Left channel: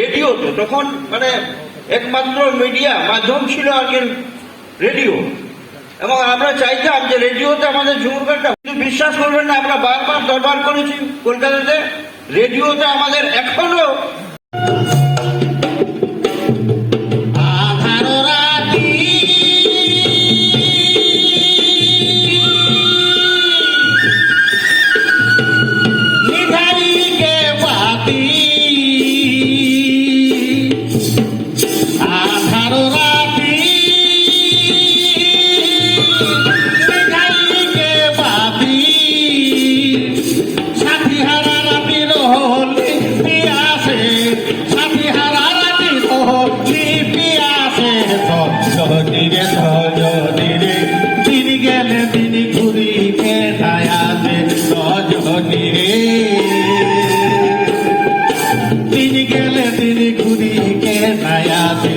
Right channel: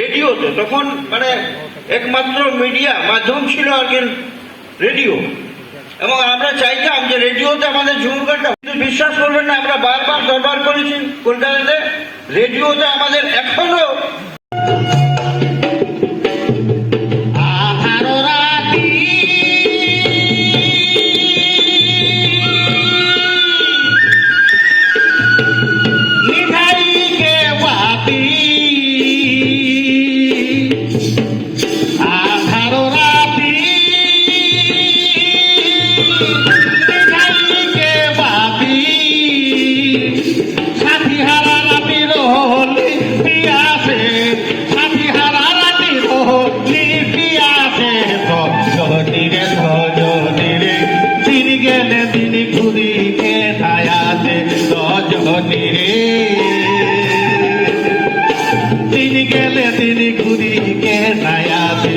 রেডিওতে তখন মানে একমাত্র মিডিয়া মাধ্যম ছিল আর কি রেডিও। এবং আমরা চাইতাম যে রেডিওতে আমাদের কিন্তু বিশ্বাস করবেন না, আমরা বারবার দরবার করেছি কলকাতাতে, রেডিওতে আমাদের এখনও গেলে তিনি ঘুরি কে নায়াসে রজনী রে দিন গেলে দিন ঘুরি কে নায়াসে